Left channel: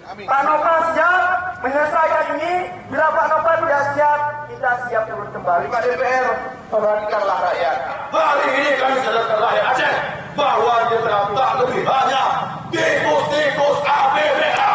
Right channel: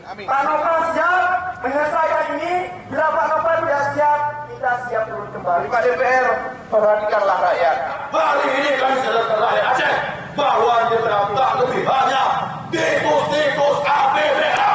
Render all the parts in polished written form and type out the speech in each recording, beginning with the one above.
Amin, amin. Pak Nova siap menyelesaikan ini. Bila Pak Nova tidak siap, kita siap turun kembali. Pak DPR, perhatikanlah rakyat. Hari ini kami sadarkan rakyat Aceh bahwa dia terdaftar lebih banyak tikus-tikus APBL.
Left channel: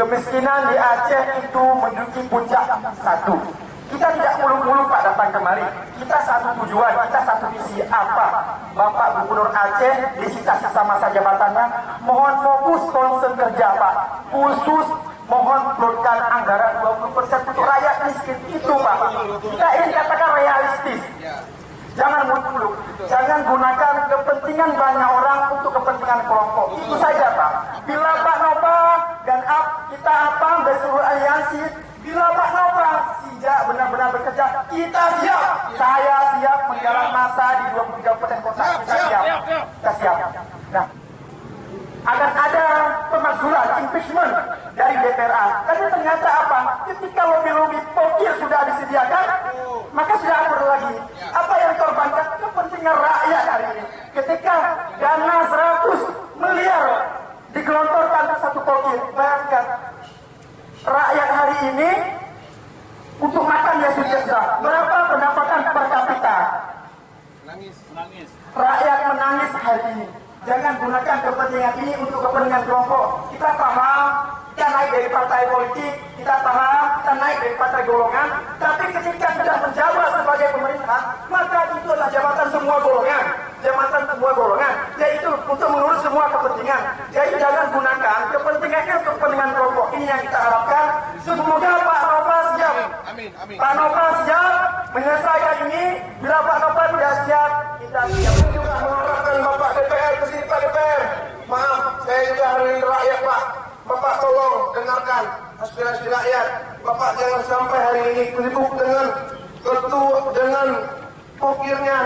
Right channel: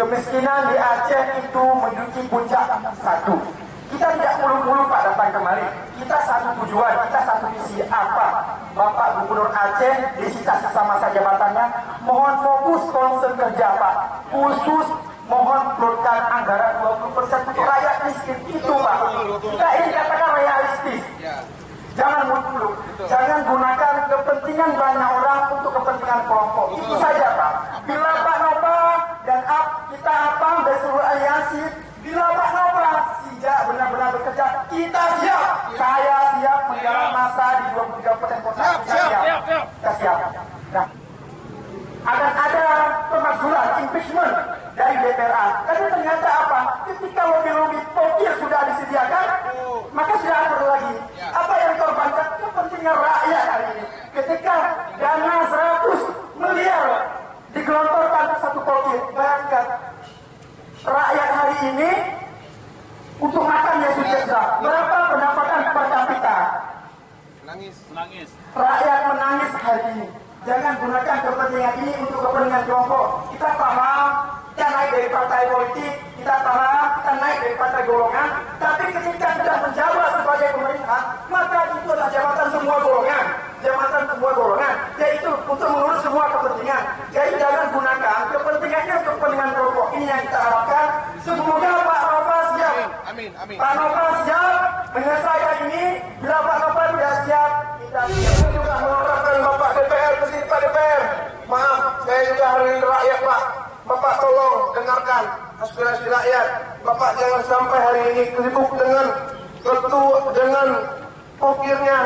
Kemiskinan di Aceh itu menduduki puncak satu. Kita tidak muluk-muluk Pak datang kemari. Kita satu tujuan, kita satu visi apa? Bapak Gubernur Aceh di sisa-sisa masa jabatannya mohon fokus concern kerja Pak. Khusus mohon keluarkan anggaran 20% untuk rakyat miskin itu Pak. Kita ini katakan realistis. Jangan muluk-muluk. Jangan gunakan kepentingan banyak orang untuk kepentingan kelompok. Itu saja Pak. Bila Pak Nova dan kita dari seluruh aliansi, bila Pak Nova siap benar-benar bekerja, kita siap. Saya siap menggalang masa di 23 kabupaten kota. Kita siap. Nah, akan ada pemakzulan impeachment dari DPRA. Tapi ternyata apa? Ketika lobby-lobby pokil sudah disediakan, maka sudah akur lagi. Apa yang dikorbankan? Kepentingan rakyat hari ini. Ketika dana 100 miliar digelontorkan ke satu pokil, bayangkan rakyat hari ini untuk makan ya sudah. Berapa pendapatan per kapita? Menangis. Rakyat menangis hari ini. Jangan gunakan kepentingan ini untuk kepentingan kelompok. Kita paham, kita naik dari partai politik, kita paham, kita naik dari partai golongan. Tapi ketika sudah menjabat sebagai pemerintah, maka itu adalah jabatan semua golongan. Jabatan semua golongan, yaitu untuk mengurus semua kepentingan. Jadi jangan gunakan kepentingannya untuk kepentingan kelompok. Ini yang kita harapkan. Semoga Pak Nova siap. Amin. Pak Nova siap menyelesaikan ini. Bila Pak Nova tidak siap, kita siap. Juga mengharapkan Bapak DPR ke sini, Pak DPR. Maaf, saya juga hari ini rakyat Pak. Bapak tolong dengarkan aspirasi rakyat. Bapak jangan sampai hari ini sibuk dengan pokirnya.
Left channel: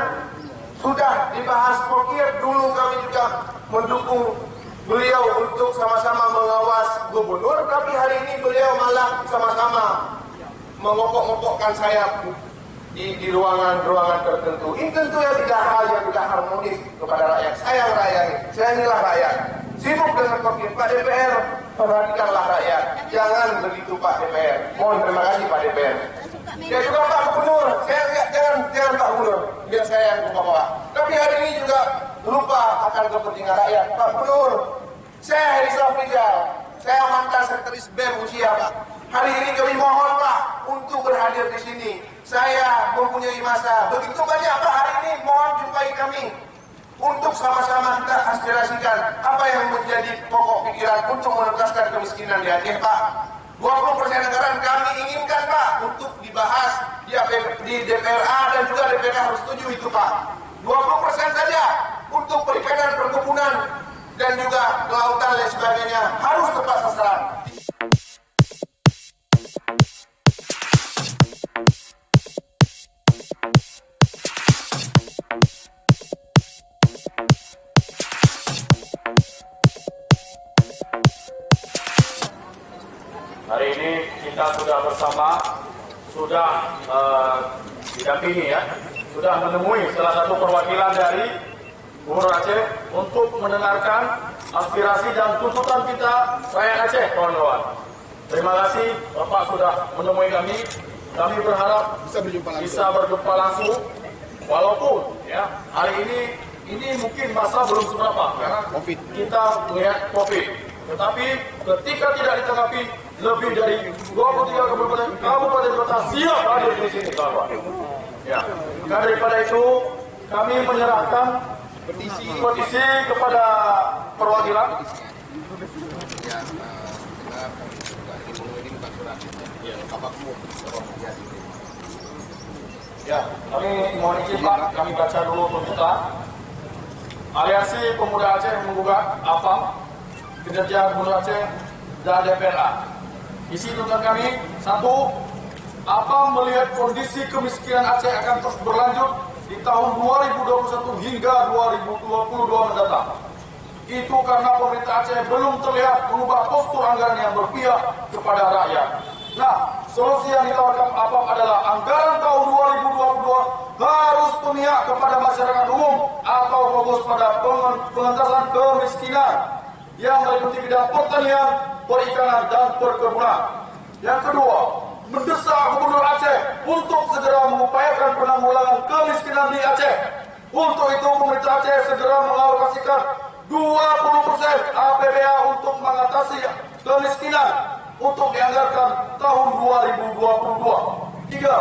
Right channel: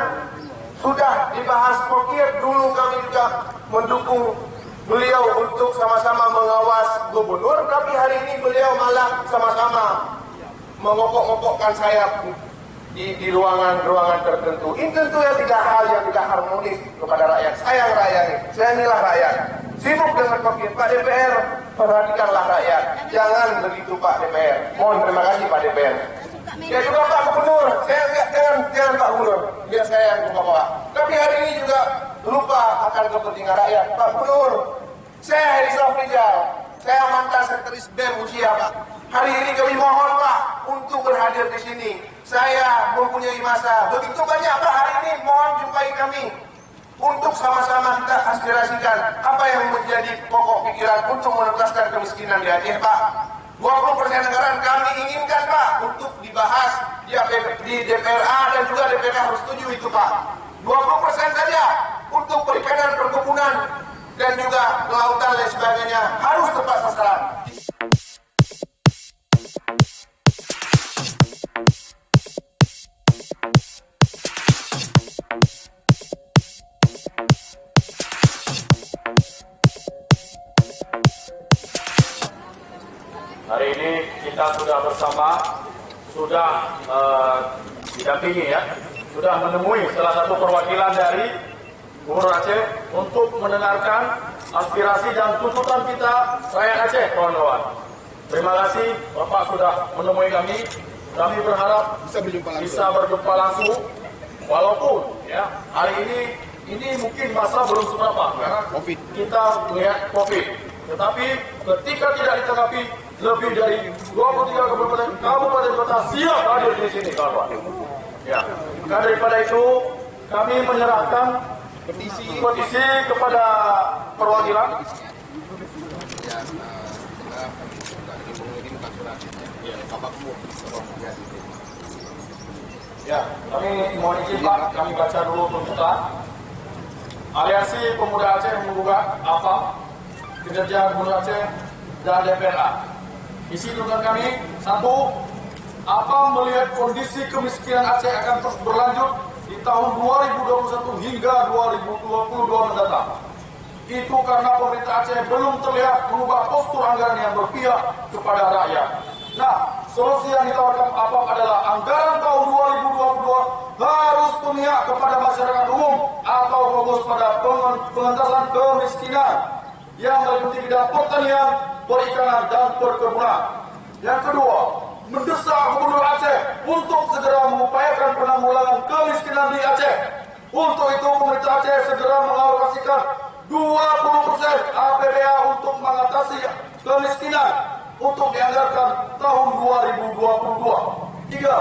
Sudah dibahas pokir, dulu kami juga mendukung beliau untuk sama-sama mengawas gubernur, tapi hari ini beliau malah sama-sama mengokok-ngokokkan sayap di ruangan-ruangan tertentu. Ini tentu yang tidak harmonis kepada rakyat. Sayang rakyat, sayangilah rakyat. Sibuk dengan pokir. Pak DPR, perhatikanlah rakyat. Jangan begitu Pak DPR. Mohon terima kasih Pak DPR. Ya juga Pak Gubernur, jangan Pak Gubernur, biar saya yang bawa. Tapi hari ini juga lupa akan kepentingan rakyat. Pak Gubernur, saya Herizal Rizal, saya mantan sekretaris BEM usia Pak. Hari ini kami mohon Pak untuk berhadir di sini. saya mempunyai masa begitu banyak Pak hari ini, mohon jumpai kami untuk sama-sama kita aspirasikan apa yang menjadi pokok pikiran untuk menuntaskan kemiskinan di Aceh Pak. 20% anggaran kami inginkan Pak untuk dibahas di DPRA dan juga DPRA harus setuju itu Pak. 20% saja untuk perikanan, perkebunan dan juga kelautan dan sebagainya harus tepat sasaran. Hari ini kita sudah bersama, sudah didampingi ya, sudah menemui salah satu perwakilan dari Gubernur Aceh untuk mendengarkan aspirasi dan tuntutan kita rakyat Aceh, kawan-kawan. Terima kasih Bapak sudah menemui kami. Kami berharap bisa berjumpa langsung, walaupun ya hari ini mungkin masa belum seberapa karena kita melihat COVID. Tetapi ketika tidak ditanggapi, lebih dari 23 kabupaten kota siap hadir di sini, kawan. Ya, maka daripada itu kami menyerahkan petisi kepada perwakilan. Ya, kami mohon izin Pak, kami baca dulu tuntutan. Aliansi Pemuda Aceh menggugat APAM, Kinerja Gubernur Aceh dan DPRA. Isi tuntutan kami, 1. APAM melihat kondisi kemiskinan Aceh akan terus berlanjut di tahun 2021 hingga 2022 mendatang. Itu karena pemerintah Aceh belum terlihat berubah postur anggaran yang berpihak kepada rakyat. Nah, solusi yang ditawarkan APAM adalah anggaran tahun 2022 harus memihak kepada masyarakat umum atau fokus pada pengentasan kemiskinan yang meliputi bidang pertanian, perikanan, dan perkebunan. Yang kedua, mendesak Gubernur Aceh untuk segera mengupayakan penanggulangan kemiskinan di Aceh. Untuk itu, pemerintah Aceh segera mengalokasikan 20% APBA untuk mengatasi kemiskinan untuk dianggarkan tahun 2022. 3.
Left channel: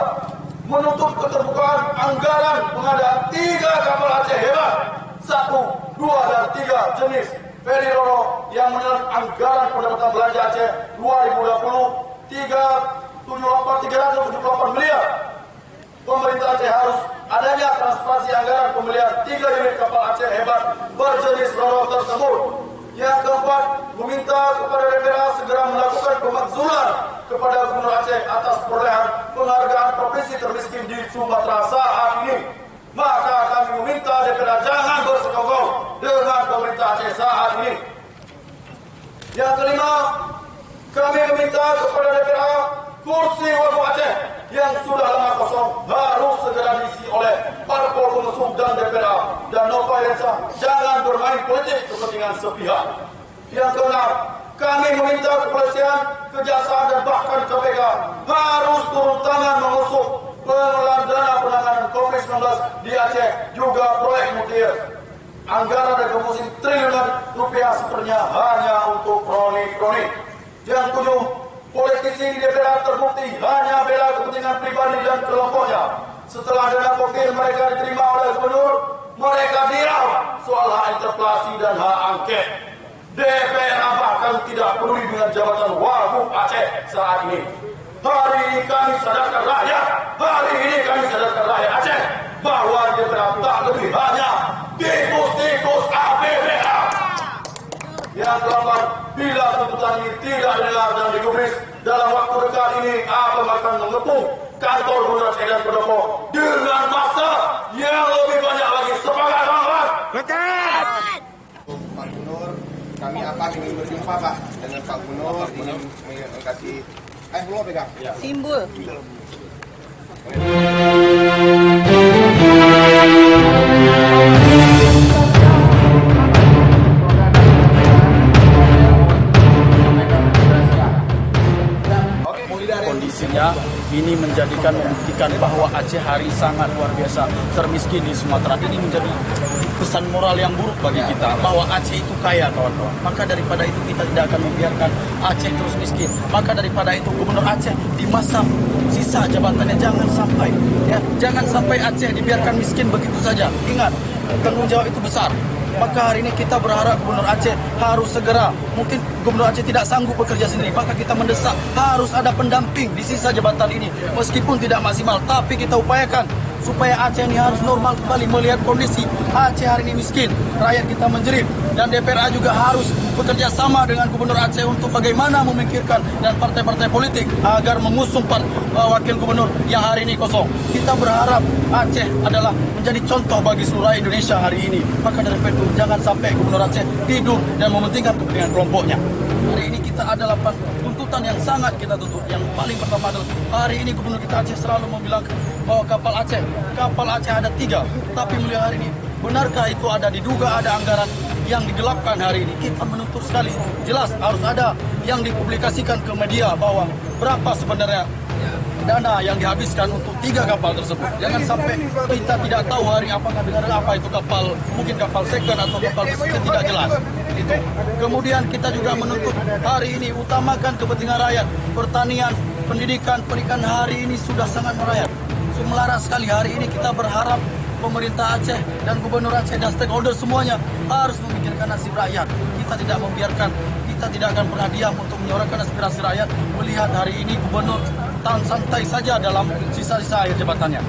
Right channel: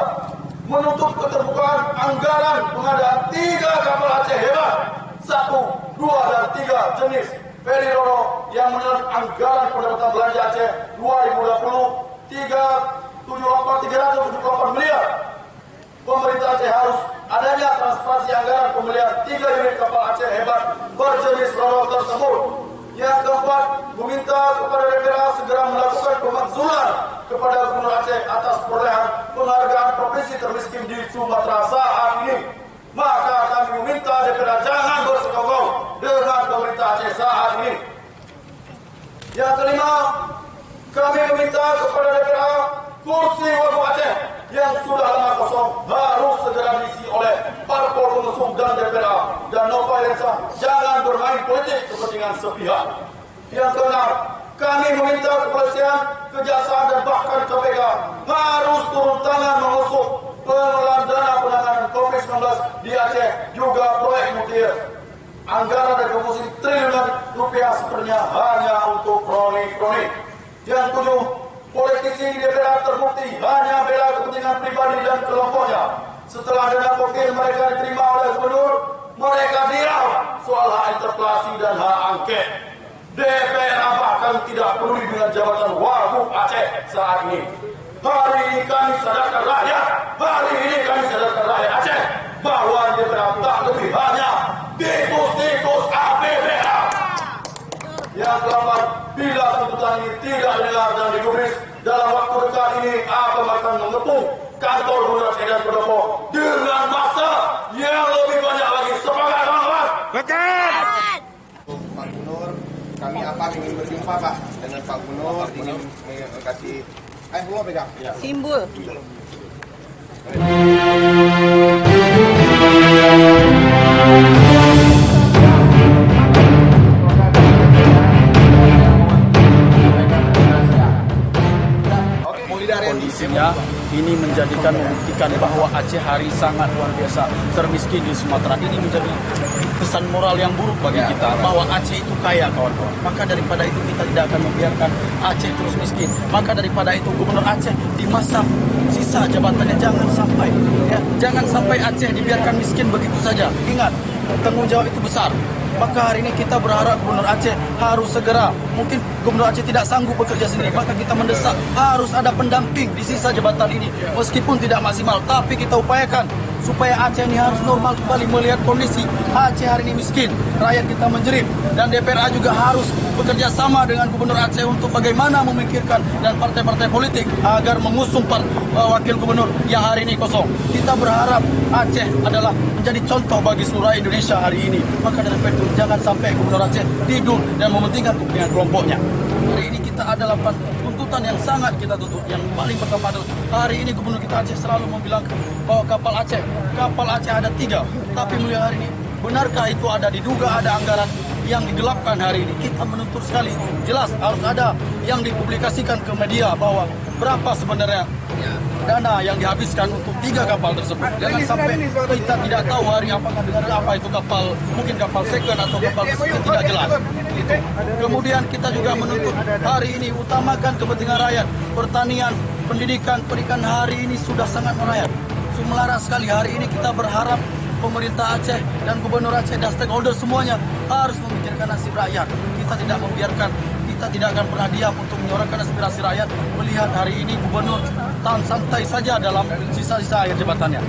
Menuntut keterbukaan anggaran pengadaan 3 kapal Aceh hebat 1, 2, dan 3 jenis Feri Roro yang menelan anggaran pendapatan belanja Aceh 2020 378 miliar. Pemerintah Aceh harus adanya transparansi anggaran pembelian 3 unit kapal Aceh hebat berjenis Roro tersebut. Yang keempat, meminta kepada DPRA segera melakukan pemakzulan kepada Gubernur Aceh atas perolehan penghargaan provinsi termiskin di Sumatera saat ini. Maka kami meminta DPRA jangan bersekongkol dengan pemerintah Aceh saat ini. Yang kelima, kami meminta kepada DPRA kursi Wagub Aceh yang sudah lama kosong harus segera diisi oleh parpol pengusung dan DPRA dan Nova Irensa jangan bermain politik kepentingan sepihak. Yang keenam, kami meminta kepolisian, kejaksaan dan bahkan KPK harus turun tangan mengusut pengelolaan dana penanganan COVID-19 di Aceh juga proyek Mutiara. Anggaran dari komposisi triliunan rupiah sebenarnya hanya untuk kronik-kronik. Yang ketujuh, politisi di DPRA terbukti hanya bela kepentingan pribadi dan kelompoknya. Setelah dana kokil mereka diterima oleh gubernur, mereka dirau soal hak interpelasi dan hak angket. DPRA bahkan tidak peduli dengan jabatan Wagub Aceh saat ini. Hari ini kami sadarkan rakyat, Aceh bahwa DPRA tak lebih hanya tikus-tikus APBA. Yang keempat, bila tuntutan ini tidak didengar dan digubris, dalam waktu dekat ini APAM akan mengepung kantor Gubernur Aceh dan Pendopo dengan masa yang lebih banyak lagi. Semangat kawan-kawan! Pak Gubernur, kami apa ingin berjumpa Pak dengan Pak Gubernur, ingin kasih belum pegang Simbol. Kondisinya ini membuktikan bahwa Aceh hari sangat luar biasa termiskin di Sumatera. Ini menjadi pesan moral yang buruk bagi kita bahwa Aceh itu kaya, kawan-kawan. Maka daripada itu kita tidak akan membiarkan Aceh terus miskin. Maka daripada itu Gubernur Aceh di masa sisa jabatannya jangan sampai Aceh dibiarkan miskin begitu saja. Ingat, tanggung jawab itu besar. Maka hari ini kita berharap Gubernur Aceh harus segera, mungkin Gubernur Aceh tidak sanggup bekerja sendiri, maka kita mendesak harus ada pendamping di sisa jabatan ini. Meskipun tidak maksimal, tapi kita upayakan supaya Aceh ini harus normal kembali. Melihat kondisi Aceh hari ini miskin, rakyat kita menjerit, dan DPRA juga harus bekerja sama dengan Gubernur Aceh untuk bagaimana memikirkan dan partai-partai politik agar mengusung wakil gubernur yang hari ini kosong. Kita berharap Aceh adalah menjadi contoh bagi seluruh Indonesia hari ini. Maka dari itu jangan sampai Gubernur Aceh tidur dan mementingkan kepentingan kelompoknya. Hari ini kita adalah tuntutan yang sangat kita tuntut. Yang paling pertama adalah hari ini Gubernur kita Aceh selalu membilang bahwa kapal Aceh ada 3. Tapi mulai hari ini, benarkah itu ada diduga ada anggaran yang digelapkan hari ini? Kita menuntut sekali, jelas harus ada yang dipublikasikan ke media bahwa berapa sebenarnya dana yang dihabiskan untuk 3 kapal tersebut. Jangan sampai kita tidak tahu hari apakah dengan apa itu kapal, mungkin kapal second atau kapal besar, tidak jelas. Itu. Kemudian kita juga menuntut hari ini utamakan kepentingan rakyat. Pertanian, pendidikan, perikanan hari ini sudah sangat merayap. Selaras sekali hari ini kita berharap pemerintah Aceh dan Gubernur Aceh dan stakeholder semuanya harus memikirkan nasib rakyat. Kita tidak membiarkan, kita tidak akan pernah diam untuk menyuarakan aspirasi rakyat. Melihat hari ini Gubernur santai saja dalam sisa-sisa akhir jabatannya.